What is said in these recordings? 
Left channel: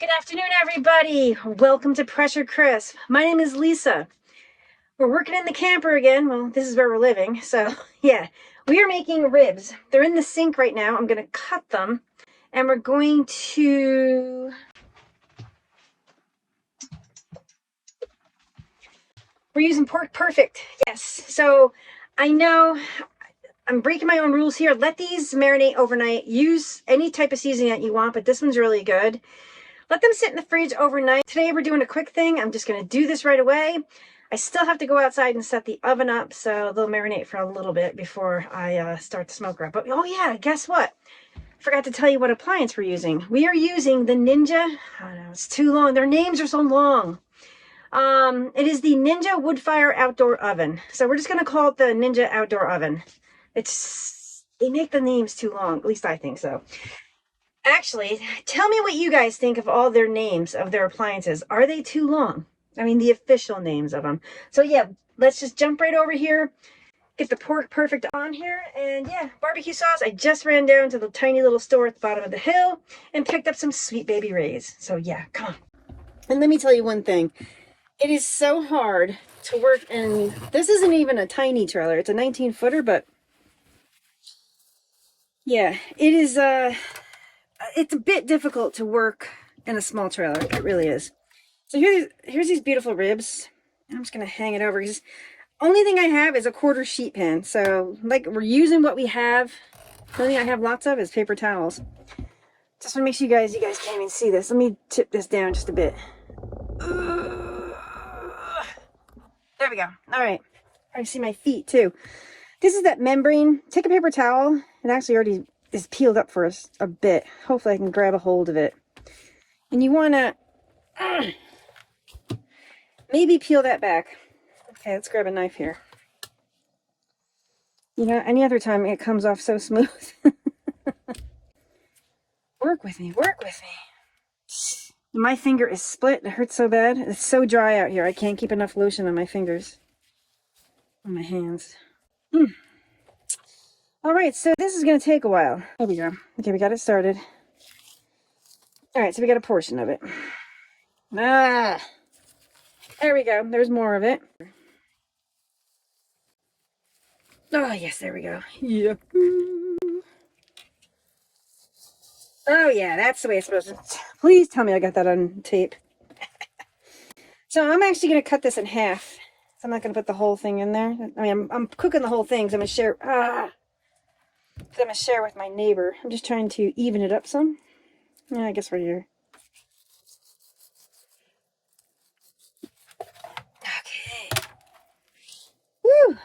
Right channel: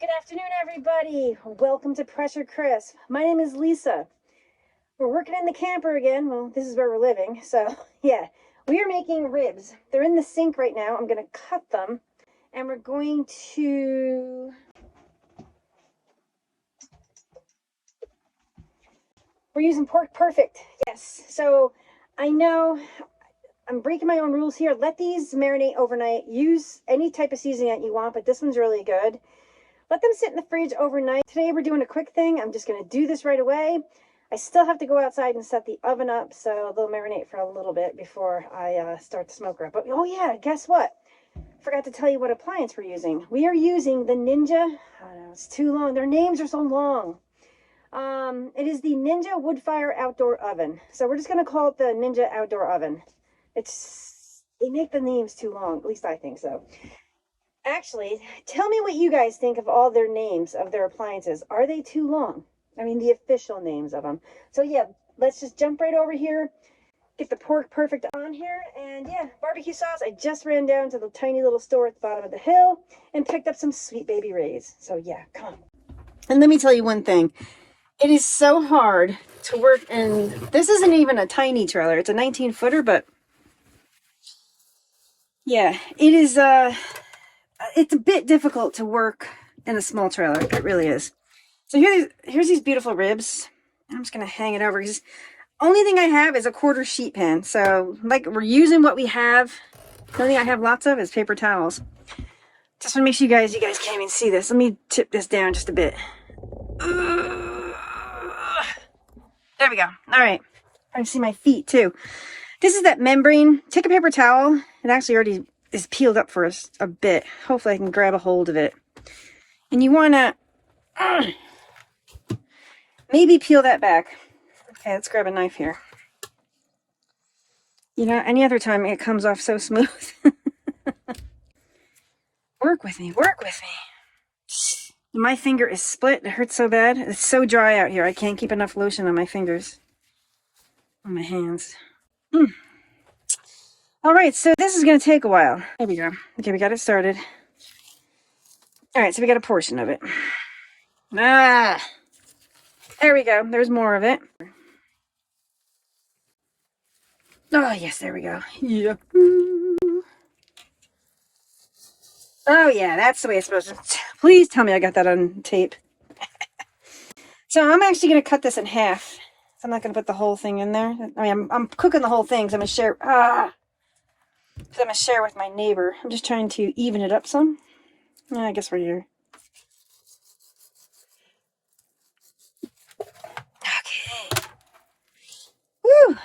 Good afternoon, everybody. Welcome to Pressure Crisp. My name is Lisa. We're working in the camper again. Well, this is where we're living. So, yeah, we are making ribs. They're in the sink right now. I'm going to cut them, and we're going to... We're using Pork Perfect. Yes. So, I know I'm breaking my own rules here. Let these marinate overnight. Use any type of seasoning that you want, but this one's really good. Let them sit in the fridge overnight. Today we're doing a quick thing. I'm just going to do this right away. I still have to go outside and set the oven up, so they'll marinate for a little bit before I start the smoker up. But oh yeah, guess what? Forgot to tell you what appliance we're using. We are using the Ninja, I don't know, it's too long. Their names are so long. It is the Ninja Woodfire outdoor oven. So we're just going to call it the Ninja outdoor oven. They make the names too long, at least I think so. Actually, tell me what you guys think of all their names of their appliances. Are they too long? I mean, the official names of them. So yeah, let's just jump right over here, get the Pork Perfect on here, and yeah, barbecue sauce. I just ran down to the tiny little store at the bottom of the hill and picked up some Sweet Baby Ray's. So yeah, come on. And let me tell you one thing. It is so hard to work, and this isn't even a tiny trailer. It's a 19-footer, but yeah, it is... it's a bit difficult to work in a small trailer. It really is. So here's these beautiful ribs. I'm just going to hang it over. Because only thing I have is a quarter sheet pan. So like we're using what we have. The only thing I have lots of is paper towels. Just want to make sure you guys can't even see this. Let me tip this down just a bit. There we go. All right. I can see my feet too. This is that membrane. Take a paper towel. It actually already is peeled up for us a bit. Hopefully I can grab a hold of it. And you want to maybe peel that back. Okay, let's grab a knife here. You know, any other time it comes off so smooth. Work with me, work with me. My finger is split. It hurts so bad. It's so dry out here. I can't keep enough lotion on my fingers. On my hands. All right, so this is going to take a while. There we go. Okay, we got it started. All right, so we got a portion of it. There we go. There's more of it. Oh, yes, there we go. Yep. Oh, yeah, that's the way it's supposed to. Please tell me I got that on tape. So I'm actually going to cut this in half. So I'm not going to put the whole thing in there. I mean, I'm cooking the whole thing, so I'm going to share... I'm going to share with my neighbor. I'm just trying to even it up some. Yeah, I guess right here. Okay. Woo!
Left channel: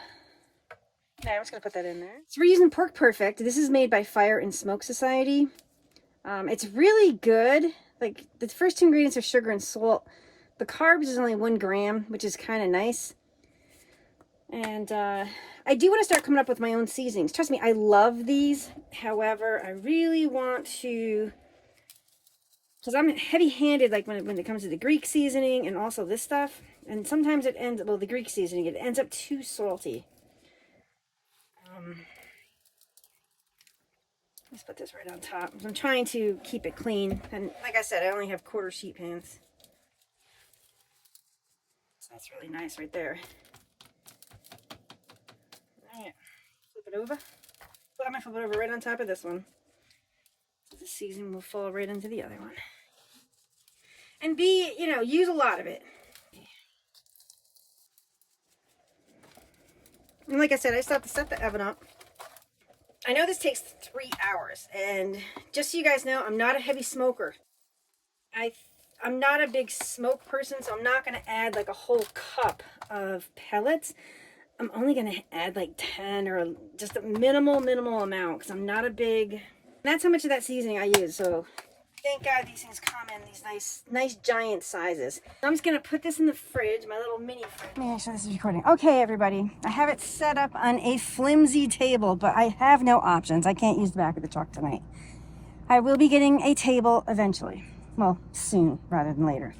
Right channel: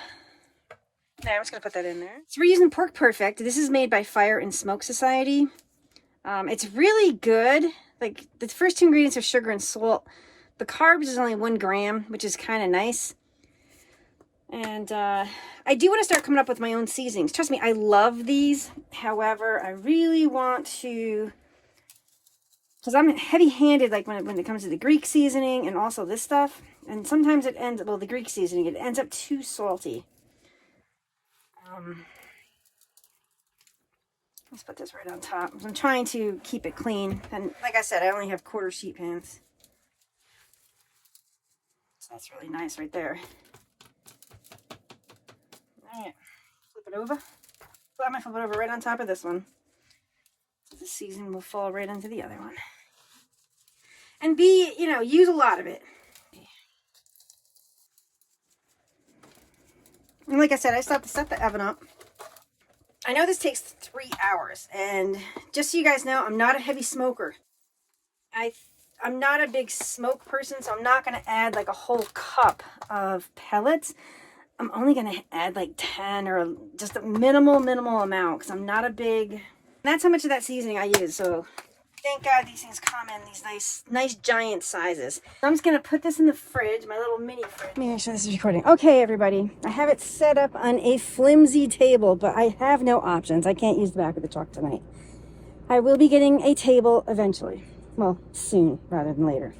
Okay, I'm just going to put that in there. So we're using Pork Perfect. This is made by Fire and Smoke Society. It's really good. Like, the first two ingredients are sugar and salt. The carbs is only 1 gram, which is kind of nice. And I do want to start coming up with my own seasonings. Trust me, I love these. However, I really want to, because I'm heavy-handed, like when it comes to the Greek seasoning and also this stuff. And sometimes it ends, well, the Greek seasoning, it ends up too salty. Let's put this right on top. I'm trying to keep it clean. And like I said, I only have quarter sheet pans. So that's really nice right there. Alright, flip it over. I'm going to flip it over right on top of this one. So the seasoning will fall right into the other one. And use a lot of it. And like I said, I still have to set the oven up. I know this takes 3 hours. And just so you guys know, I'm not a heavy smoker. I'm not a big smoke person, so I'm not going to add like a whole cup of pellets. I'm only going to add like 10 or just a minimal amount because I'm not a big... That's how much of that seasoning I use, so thank God these things come in these nice giant sizes. I'm just going to put this in the fridge, my little mini fridge. Let me make sure this is recording. Okay, everybody. I have it set up on a flimsy table, but I have no options. I can't use the back of the truck tonight. I will be getting a table eventually. Well, soon rather than later.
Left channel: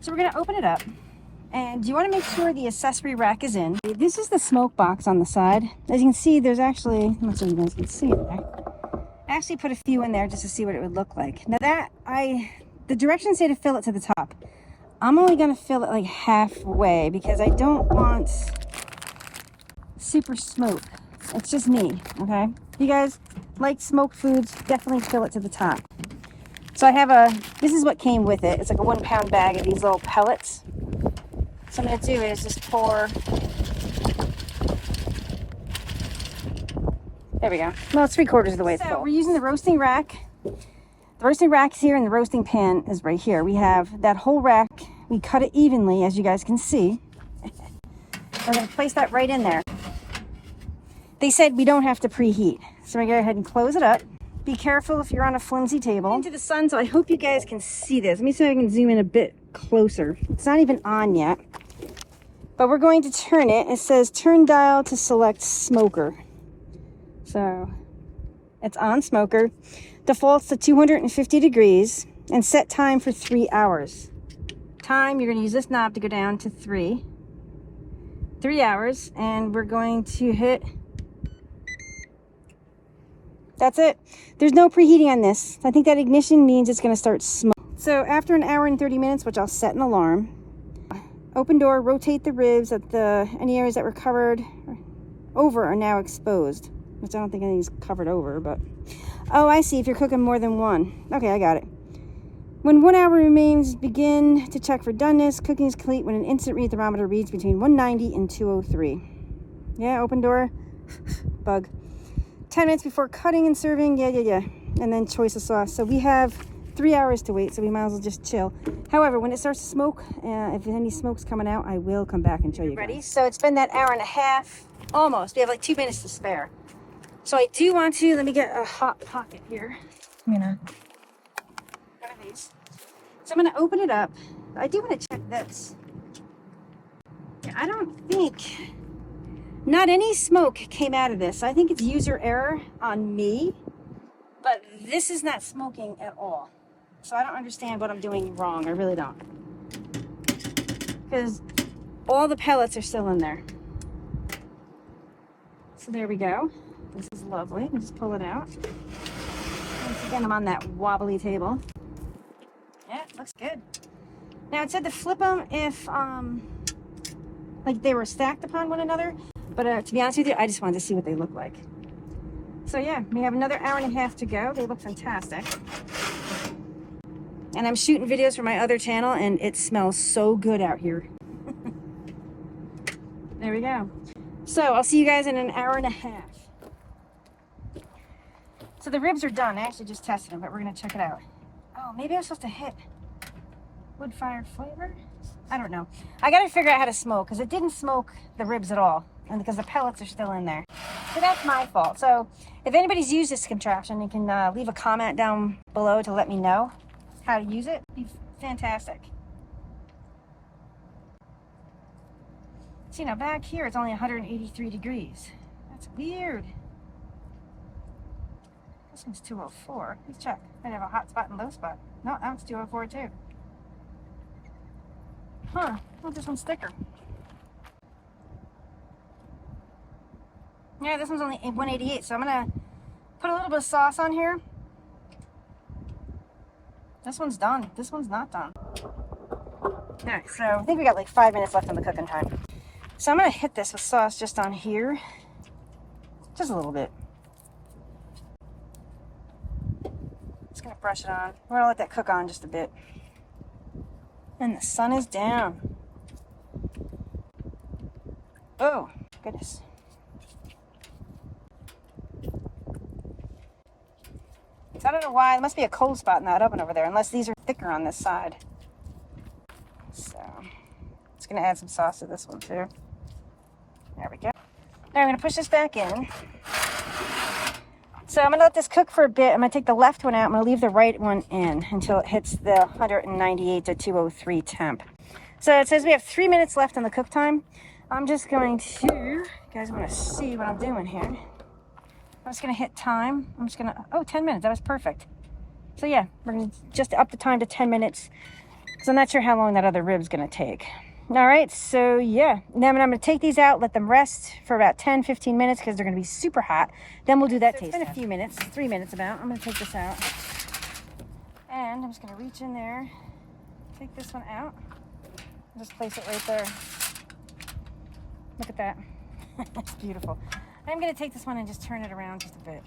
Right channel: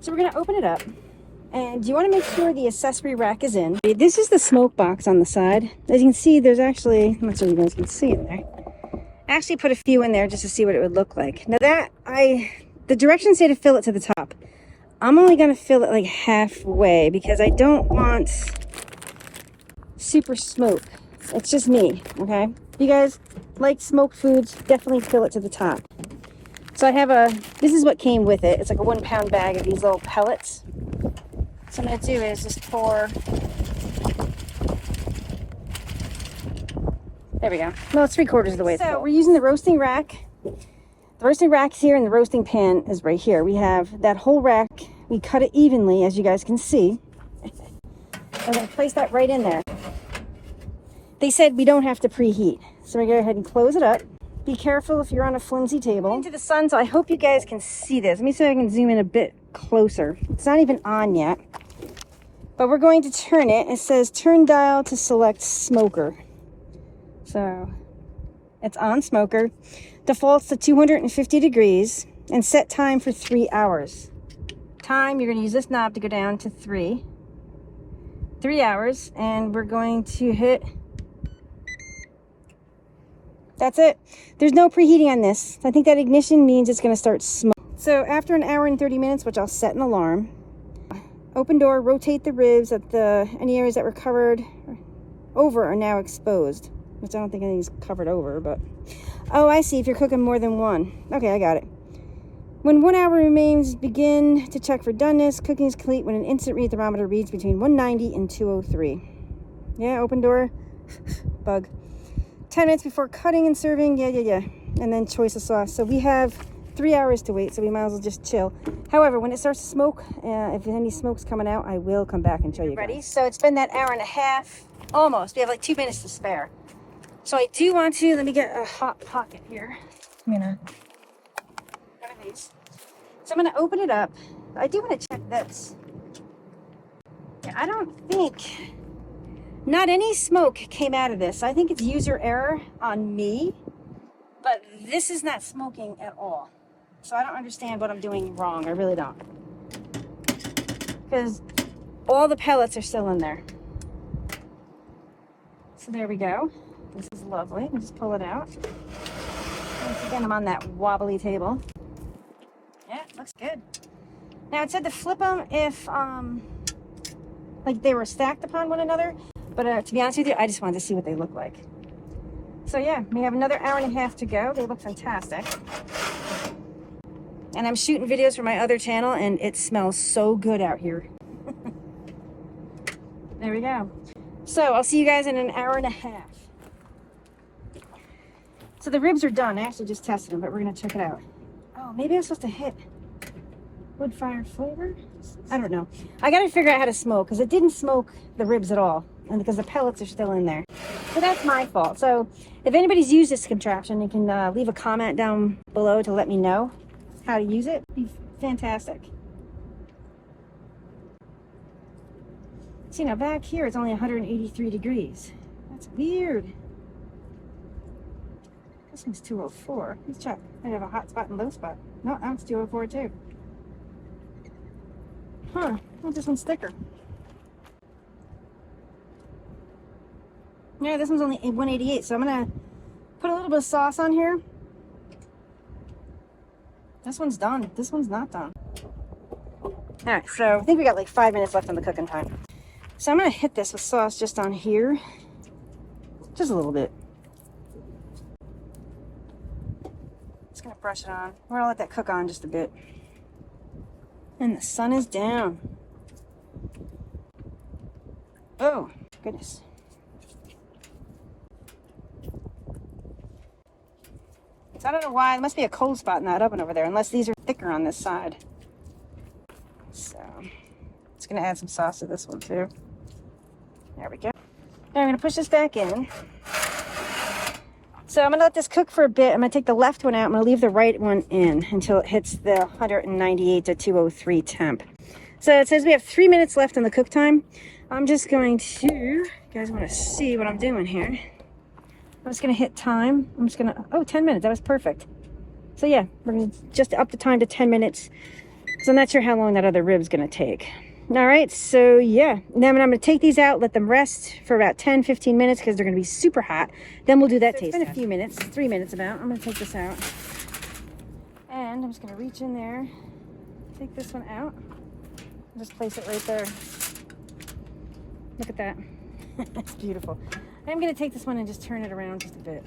So we're going to open it up. And you want to make sure the accessory rack is in. This is the smoke box on the side. As you can see, there's actually, I'm not sure you guys can see it there. I actually put a few in there just to see what it would look like. Now the directions say to fill it to the top. I'm only gonna fill it like halfway because I don't want super smoke. It's just me, okay? If you guys like smoked foods, definitely fill it to the top. So I have this is what came with it. It's like a 1 pound bag of these little pellets. So what I'm gonna do is just pour. There we go. Well, it's 3/4 of the way. So we're using the roasting rack. The roasting rack is here and the roasting pan is right here. We have that whole rack. We cut it evenly, as you guys can see. We're going to place that right in there. They said we don't have to preheat. So we're going to go ahead and close it up. Be careful if you're on a flimsy table. Into the sun, so I hope you guys can see this. Let me see if I can zoom in a bit closer. It's not even on yet. But we're going to turn it. It says turn dial to select smoker. So it's on smoker. Defaults to 250 degrees and set time for 3 hours. Time, you're going to use this knob to go down to 3 hours, and we're going to hit. That's it. There's no preheating on this. I think that ignition means it's going to start smoking. So after an hour and 30 minutes, which I'll set an alarm, open door, rotate the ribs at any areas that were covered over are now exposed, which I don't think anything's covered over, but oh, I see, if you're cooking more than one. Okay, I got it. When 1 hour remains, begin to check for doneness. Cooking is complete when an instant read thermometer reads between 190 and 203. Yeah, open door. Bug. 10 minutes before cutting and serving. Yeah. And then choice of sauce. So we have 3 hours to wait, so we might as well just chill. However, when it starts to smoke, if any smoke's coming out, I will come back and show you guys. Ready? So it's been that hour and a half. Almost. We have like 2 minutes to spare. So I do want to, let me get a hot pocket here. I'm gonna, one of these. So I'm gonna open it up. I do want to check this. Yeah, I don't think, not any smoke came out of this. I think it's user error on me, but this is not smoking at all. So I don't understand what I'm doing wrong. I really don't. Because all the pellets are still in there. So there we go. This is lovely. Let's just pull it out. Once again, I'm on that wobbly table. Yeah, looks good. Now it said to flip them if like they were stacked upon one another, but to be honest with you, I just wanted to see what they look like. So yeah, we have another hour and a half to go. They look fantastic. And I'm shooting videos for my other channel, and it smells so good out here. There we go. So I'll see you guys in an hour and a half. So the ribs are done. I actually just tested them, but we're going to check it out. Oh, maybe I'm supposed to hit Woodfire flavor? I don't know. I got to figure out how to smoke, because it didn't smoke the ribs at all, and because the pellets are still in there. So that's my fault. So if anybody's used this contraption, you can leave a comment down below to let me know how to use it. It'd be fantastic. See, now back here it's only 183 degrees. That's weird. This thing's 204. Let's check. I have a hot spot and low spot. No, now it's 204 too. Huh. Well, this one's thicker. Yeah, this one's only 188, so I'm gonna put a little bit of sauce on here. This one's done. This one's not done. Alright, so I think we got like 5 minutes left on the cooking time. So I'm gonna hit this with sauce just on here. Just a little bit. Just gonna brush it on. I'm gonna let that cook on just a bit. And the sun is down. Oh, goodness. So I don't know why. There must be a cold spot in that oven over there, unless these are thicker on this side. So, it's going to add some sauce to this one too. There we go. Now I'm going to push this back in. So I'm going to let this cook for a bit. I'm going to take the left one out. I'm going to leave the right one in until it hits the 198 to 203 temp. So it says we have 3 minutes left on the cook time. I'm just going to, you guys want to see what I'm doing here. I'm just going to hit time. I'm just going to, oh, 10 minutes. That was perfect. So yeah, we're going to just up the time to 10 minutes. So I'm not sure how long that other rib's going to take. All right, so yeah. Then I'm going to take these out, let them rest for about 10, 15 minutes because they're going to be super hot. Then we'll do that taste. It's been a few minutes, 3 minutes about. I'm going to take this out. And And I'm just gonna reach in there, take this one out, just place it right there. Look at that. It's beautiful. I'm gonna take this one and just turn it around just a bit.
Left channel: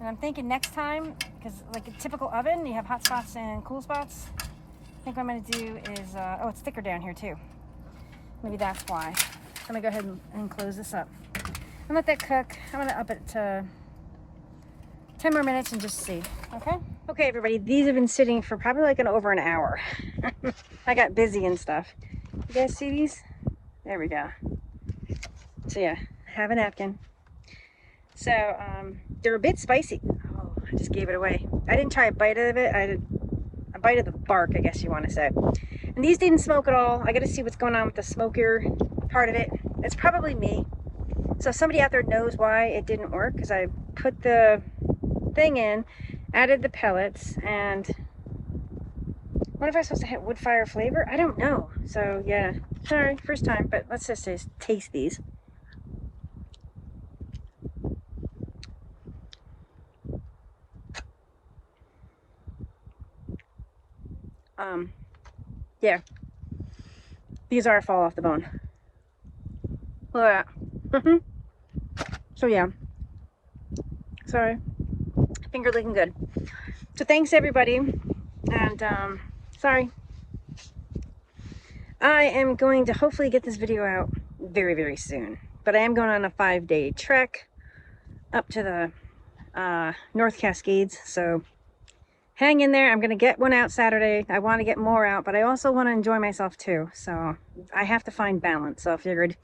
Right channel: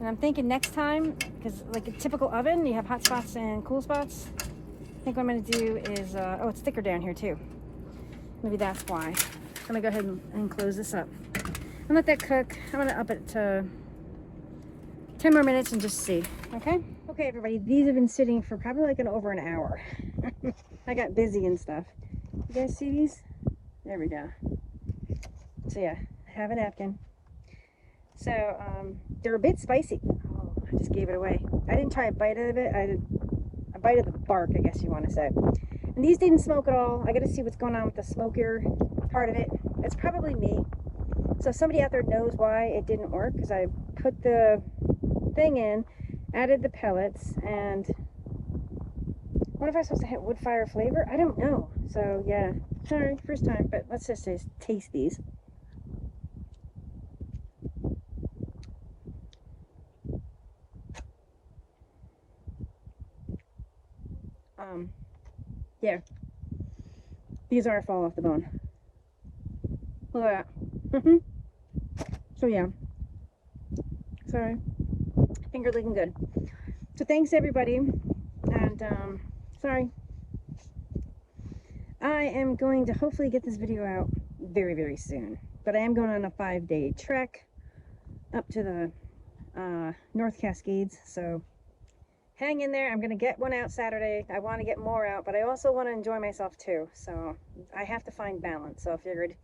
And I'm thinking next time, because like a typical oven, you have hot spots and cool spots. I think what I'm gonna do is, oh, it's thicker down here too. Maybe that's why. I'm gonna go ahead and close this up and let that cook. I'm gonna up it to 10 more minutes and just see, okay? Okay, everybody, these have been sitting for probably like over an hour. I got busy and stuff. You guys see these? There we go. So yeah, I have a napkin. So they're a bit spicy. Oh, I just gave it away. I didn't try a bite of it. I did a bite of the bark, I guess you want to say. And these didn't smoke at all. I got to see what's going on with the smoker part of it. It's probably me. So if somebody out there knows why it didn't work, because I put the thing in, added the pellets, and what if I was supposed to hit wood fire flavor? I don't know. So yeah, sorry, first time, but let's just taste these. Yeah, these are fall off the bone. Look at that. So yeah, sorry, finger licking good. So thanks everybody, and sorry. I am going to hopefully get this video out very, very soon, but I am going on a 5-day trek up to the North Cascades, so hang in there. I'm going to get one out Saturday. I want to get more out, but I also want to enjoy myself too, so I have to find balance. So I figured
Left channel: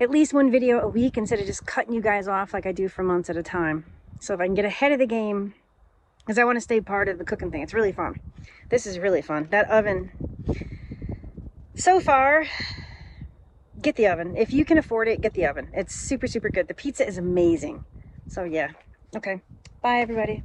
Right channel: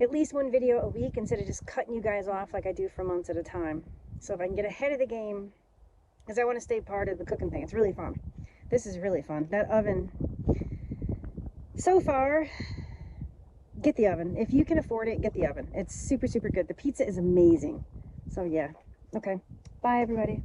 at least one video a week instead of just cutting you guys off like I do for months at a time. So if I can get ahead of the game, because I want to stay part of the cooking thing. It's really fun. This is really fun. That oven, so far, get the oven. If you can afford it, get the oven. It's super, super good. The pizza is amazing. So yeah. Okay. Bye, everybody.